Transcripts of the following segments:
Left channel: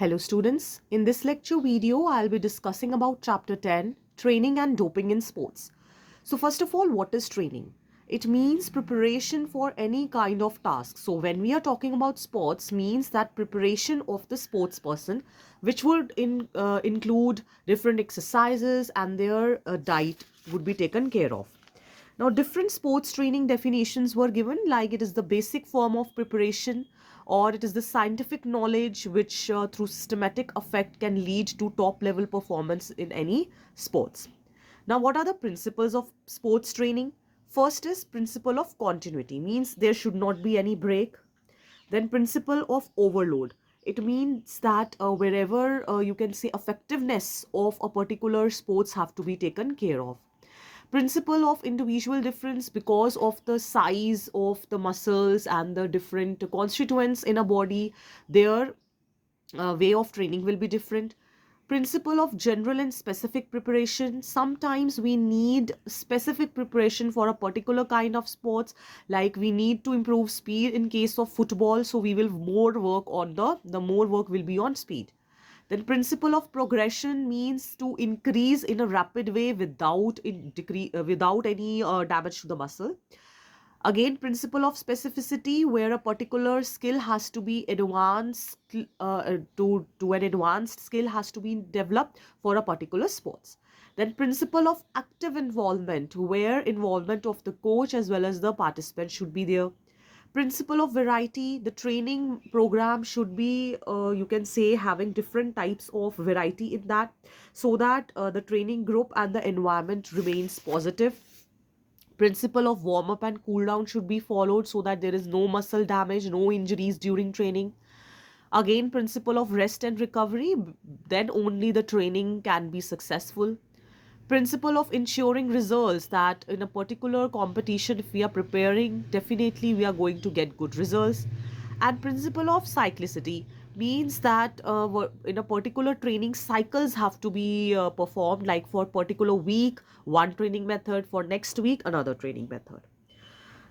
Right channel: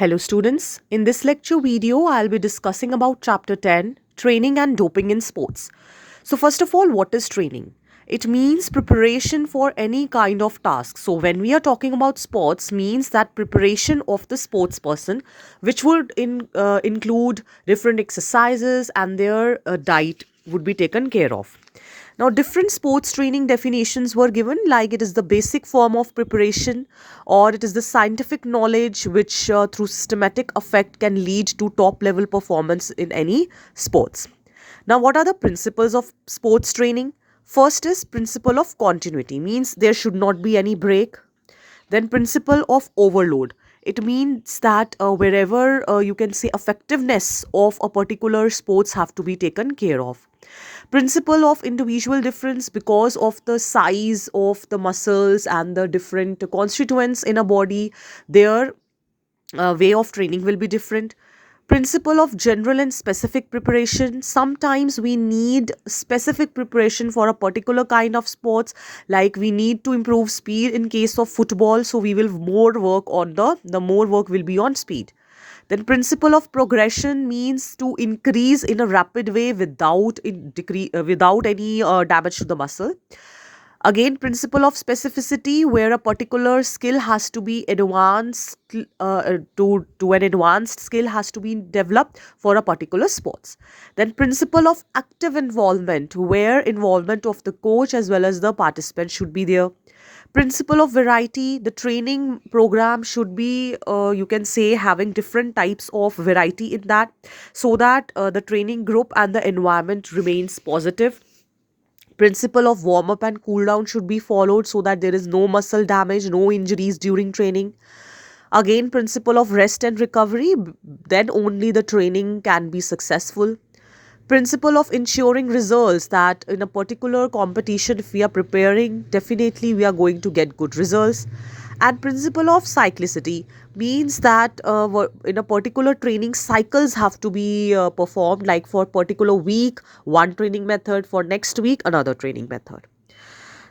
Hello students, in this lecture video I'll be discussing about chapter 10, training and doping in sports. So first of all, what is training? It means preparation for any kind of task. So when we are talking about sports means that preparation of the sports person, which would include different exercises and their diet would be taken care of. Now, different sports training definitions were given, like it is the basic form of preparation, or it is the scientific knowledge which, through systematic effect, can lead to top level performance in any sports. Now, what are the principles of sports training? First is principle of continuity, means there should not be any break. Then principle of overload. It means that wherever you can say effectiveness of a particular sports have to be taken care of. Principle of individual difference, because of the size of the muscles and the different constituents in a body, their way of training will be different. Principle of general and specific preparation, sometimes we need specific preparation for a particular kind of sports, like we need to improve speed in case of football, so we will more work on the more work will be on speed. Then principle of progression means to increase in a rapid way without any damage to the muscle. Again, principle of specificity, where a particular skill has to be advanced, to an advanced skill has to be developed for a particular sports. Then principle of active involvement, where involvement of the coach as well as the participant should be there. Principle of variety, the training program should be, you can say, having different types of variety in that, so that the training group and the environment remains positive. Principle of warm up and cool down should be followed, so that there is no muscle damage, no injuries during training. Again, principle of rest and recovery, then only the training can be successful. Principle of ensuring results, that in a particular competition, if we are preparing, definitely we are going to get good results. And principle of cyclicity means that in a particular training, cycles have to be performed, like for particular week one training method, for next week another training method.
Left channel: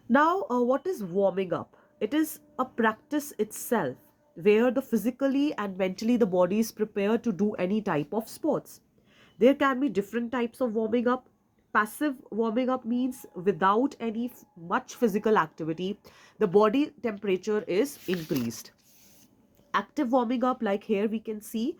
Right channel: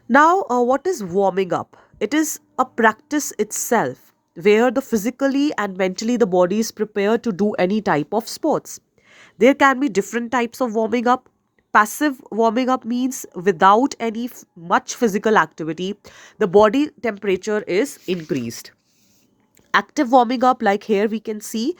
Now, what is warming up? It is a practice itself, where the physically and mentally the body is prepared to do any type of sports. There can be different types of warming up. Passive warming up means without any much physical activity, the body temperature is increased. Active warming up, like here we can see,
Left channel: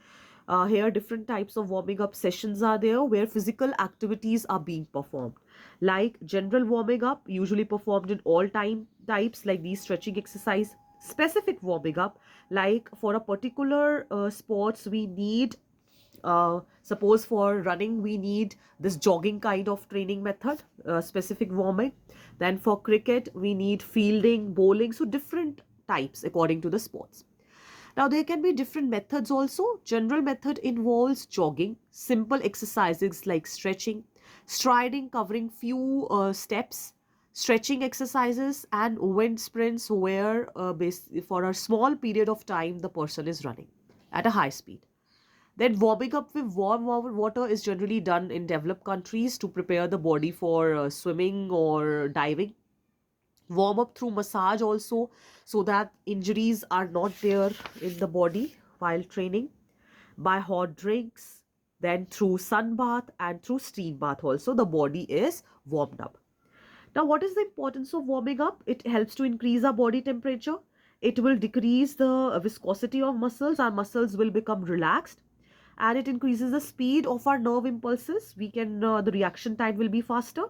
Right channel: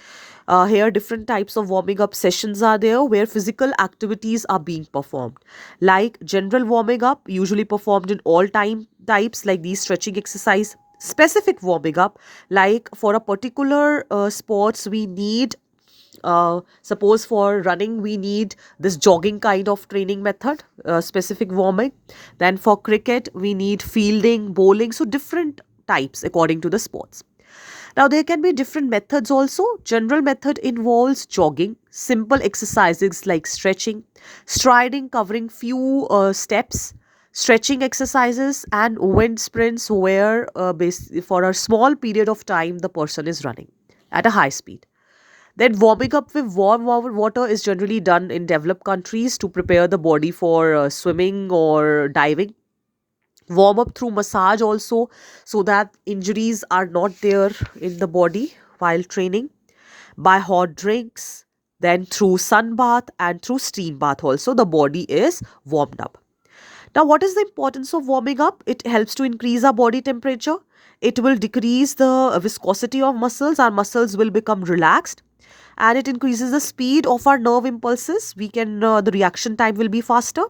here different types of warming up sessions are there, where physical activities are being performed, like general warming up, usually performed in all time types, like these stretching exercise. Specific warming up, like for a particular sports we need, suppose for running we need this jogging kind of training method, specific warming. Then for cricket we need fielding, bowling, so different types according to the sports. Now, there can be different methods also. General method involves jogging, simple exercises like stretching, striding covering few steps, stretching exercises, and wind sprints, where for a small period of time the person is running at a high speed. Then, warming up with water is generally done in developed countries to prepare the body for swimming or diving. Warm up through massage also, so that injuries are not there in the body while training. By hot drinks, then through sun bath and through steam bath also the body is warmed up. Now, what is the importance of warming up? It helps to increase our body temperature. It will decrease the viscosity of muscles. Our muscles will become relaxed, and it increases the speed of our nerve impulses. The reaction time will be faster.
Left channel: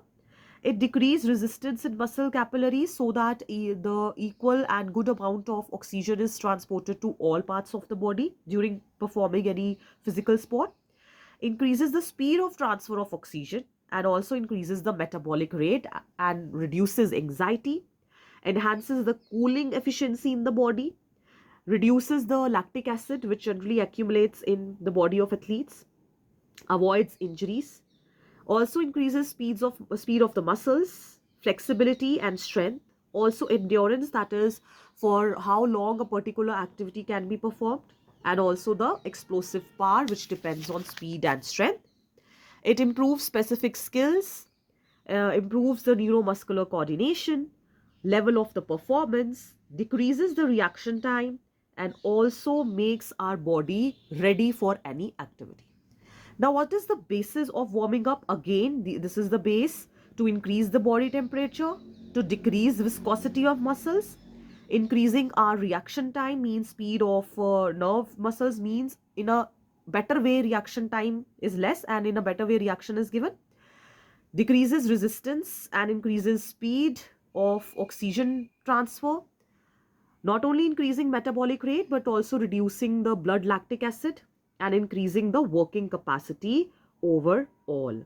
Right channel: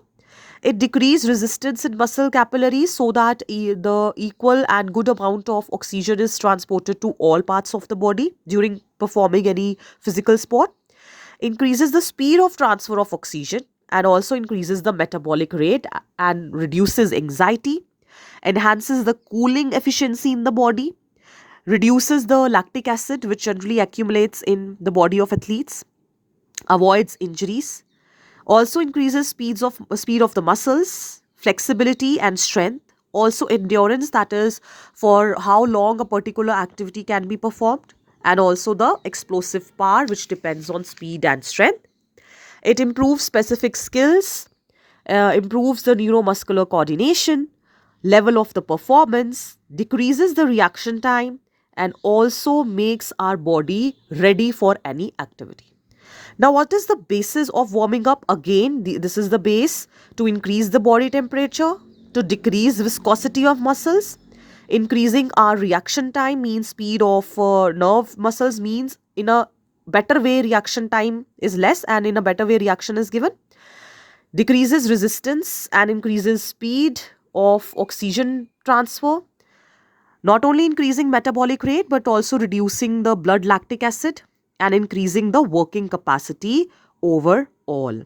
It decreases resistance in muscle capillaries, so that the equal and good amount of oxygen is transported to all parts of the body during performing any physical sport. Increases the speed of transfer of oxygen, and also increases the metabolic rate and reduces anxiety, enhances the cooling efficiency in the body, reduces the lactic acid which generally accumulates in the body of athletes, avoids injuries, also increases speed of the muscles, flexibility and strength, also endurance, that is for how long a particular activity can be performed, and also the explosive power which depends on speed and strength. It improves specific skills, improves the neuromuscular coordination, level of the performance, decreases the reaction time, and also makes our body ready for any activity. Now, what is the basis of warming up? Again, this is the base to increase the body temperature, to decrease viscosity of muscles. Increasing our reaction time means speed of nerve muscles means in a better way reaction time is less and in a better way reaction is given. Decreases resistance and increases speed of oxygen transfer, not only increasing metabolic rate but also reducing the blood lactic acid and increasing the working capacity overall.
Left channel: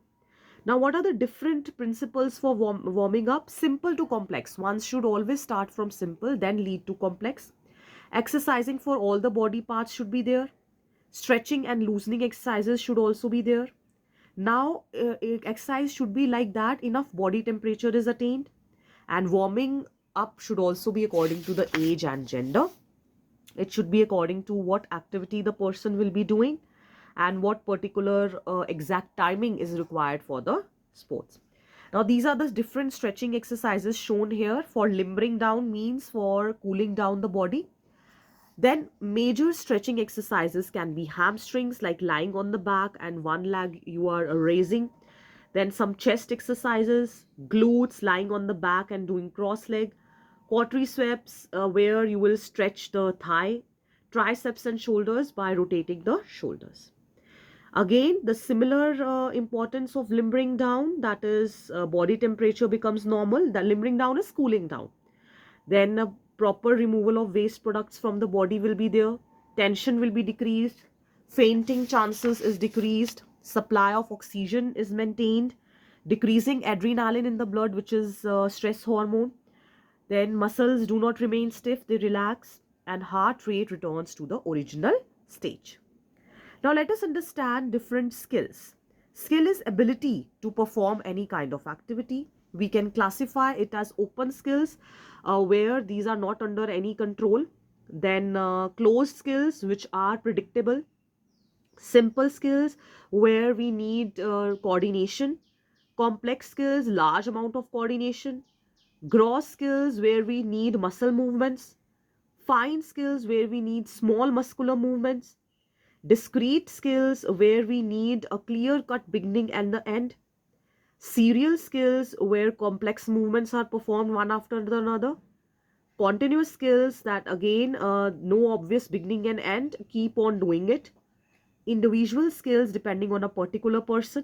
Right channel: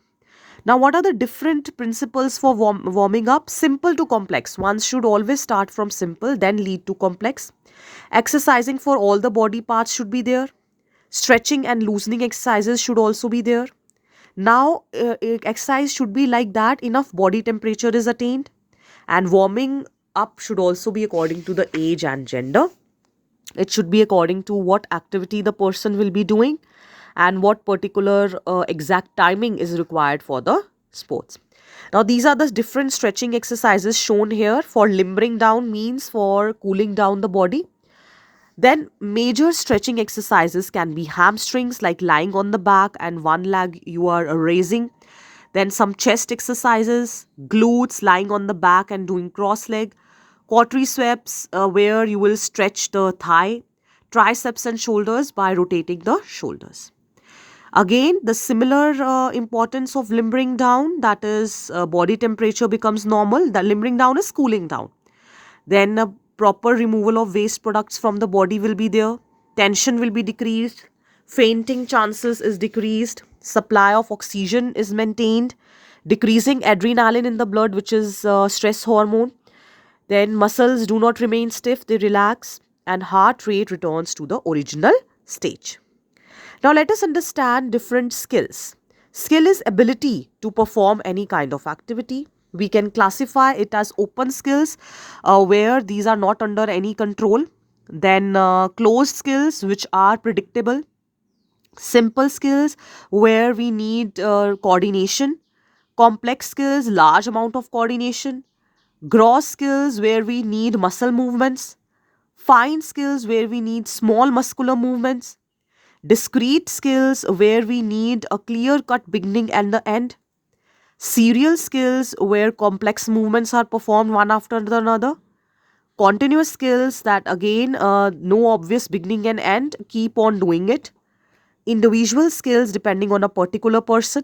Now, what are the different principles for warming up? Simple to complex. One should always start from simple, then lead to complex. Exercising for all the body parts should be there. Stretching and loosening exercises should also be there. Now, exercise should be like that enough body temperature is attained, and warming up should also be according to the age and gender. It should be according to what activity the person will be doing and what particular exact timing is required for the sports. Now, these are the different stretching exercises shown here. For limbering down means for cooling down the body. Then major stretching exercises can be hamstrings, like lying on the back and one leg you are raising. Then some chest exercises, glutes, lying on the back and doing cross leg. Quadriceps, where you will stretch the thigh. Triceps and shoulders by rotating the shoulders. Again, the similar importance of limbering down, that is body temperature becomes normal. The limbering down is cooling down. Then a proper removal of waste products from the body will be there. Tension will be decreased. Fainting chances is decreased. Supply of oxygen is maintained. Decreasing adrenaline in the blood, which is stress hormone. Then muscles do not remain stiff, they relax, and heart rate returns to the original stage. Now let us understand different skills. Skill is ability to perform any kind of activity. We can classify it as open skills, where these are not under any control. Then closed skills, which are predictable. Simple skills, where we need coordination. Complex skills, large amount of coordination. Gross skills, where we need muscle movements. Fine skills, where we need small muscular movements. Discrete skills, where we need a clear cut beginning and the end. Serial skills, where complex movements are performed one after another. Continuous skills, that again no obvious beginning and end, keep on doing it. Individual skills, depending on a particular person.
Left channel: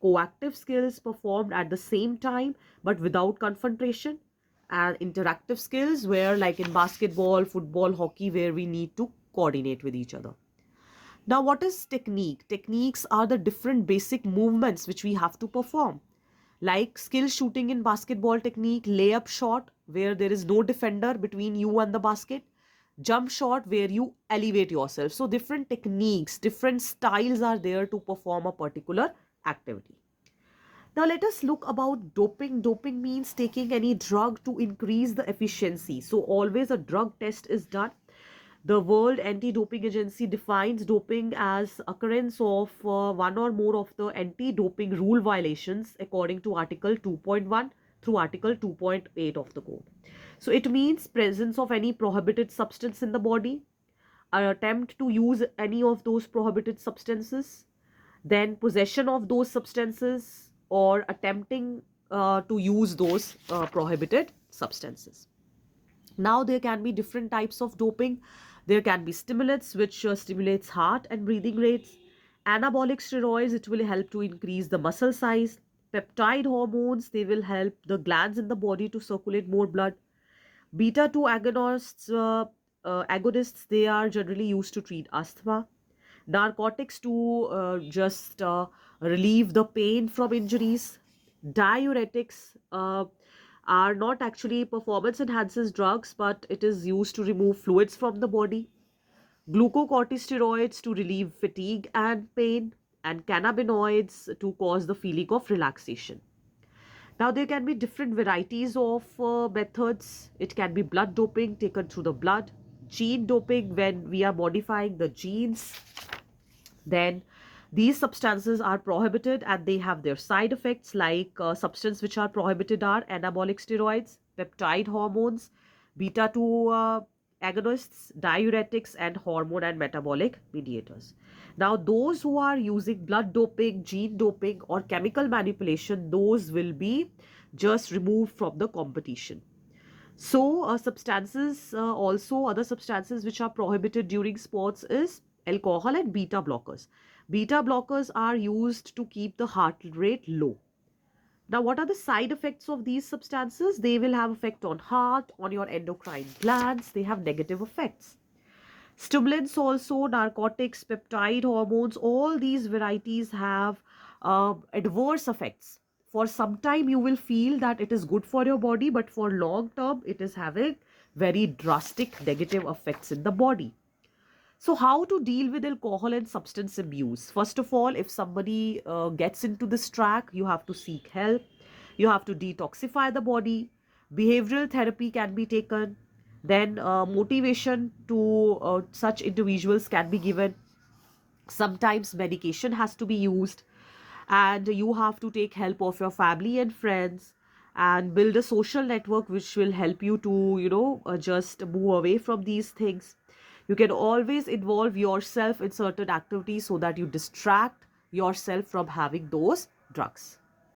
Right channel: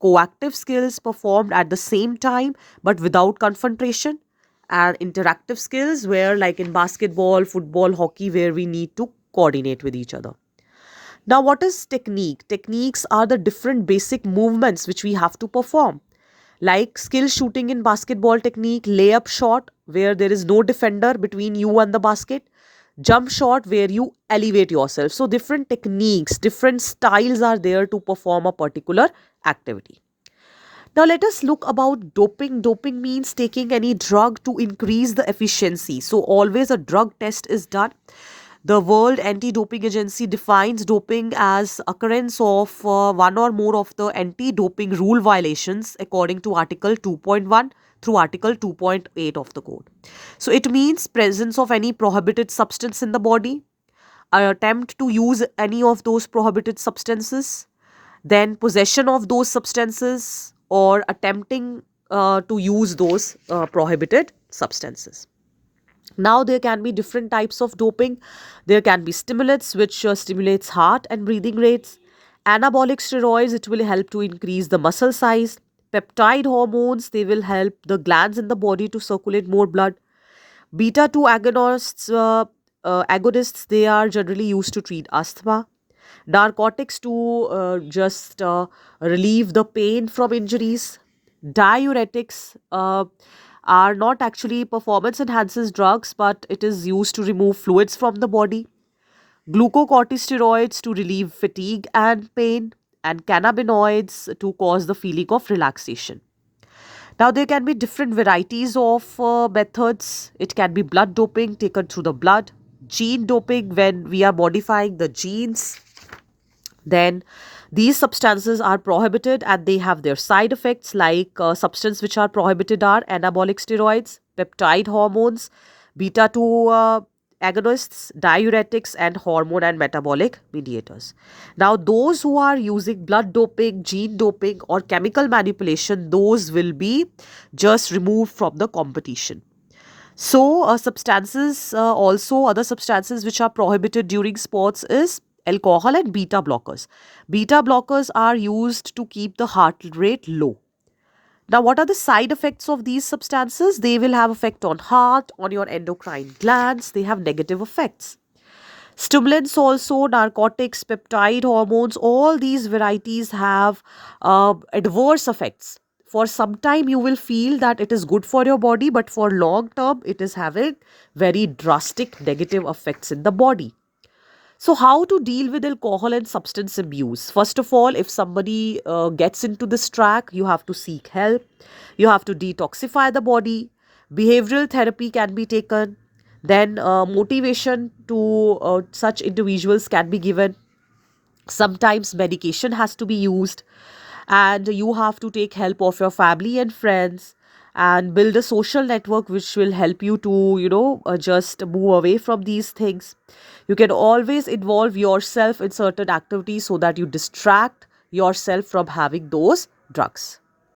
Coactive skills, performed at the same time but without confrontation. And interactive skills, where like in basketball, football, hockey, where we need to coordinate with each other. Now, what is technique? Techniques are the different basic movements which we have to perform. Like skill shooting in basketball technique, layup shot, where there is no defender between you and the basket, jump shot, where you elevate yourself. So, different techniques, different styles are there to perform a particular activity. Now, let us look about doping. Doping means taking any drug to increase the efficiency. So, always a drug test is done. The World Anti-Doping Agency defines doping as occurrence of one or more of the anti-doping rule violations according to Article 2.1 through Article 2.8 of the code. So it means presence of any prohibited substance in the body, an attempt to use any of those prohibited substances, then possession of those substances, or attempting to use those prohibited substances. Now there can be different types of doping. There can be stimulants, which stimulates heart and breathing rates. Anabolic steroids, it will help to increase the muscle size. Peptide hormones, they will help the glands in the body to circulate more blood. Beta 2 agonists, they are generally used to treat asthma. Narcotics to just relieve the pain from injuries. Diuretics are not actually performance enhancers drugs, but it is used to remove fluids from the body. Glucocorticosteroids to relieve fatigue and pain, and cannabinoids to cause the feeling of relaxation. Now, there can be different varieties of methods. It can be blood doping taken through the blood, gene doping when we are modifying the genes. Then these substances are prohibited and they have their side effects, like substances which are prohibited are anabolic steroids, peptide hormones, beta 2 agonists, diuretics, and hormone and metabolic mediators. Now, those who are using blood doping, gene doping, or chemical manipulation, those will be just removed from the competition. So, other substances which are prohibited during sports is alcohol and beta blockers. Beta blockers are used to keep the heart rate low. Now, what are the side effects of these substances? They will have effect on heart, on your endocrine glands. They have negative effects. Stimulants also, narcotics, peptide hormones, all these varieties have adverse effects. For some time, you will feel that it is good for your body, but for long term, it is having very drastic negative effects in the body. So, how to deal with alcohol and substance abuse? First of all, if somebody gets into this track, you have to seek help. You have to detoxify the body. Behavioral therapy can be taken. Then, motivation to such individuals can be given. Sometimes medication has to be used, and you have to take help of your family and friends and build a social network which will help you to just move away from these things. You can always involve yourself in certain activities so that you distract yourself from having those drugs.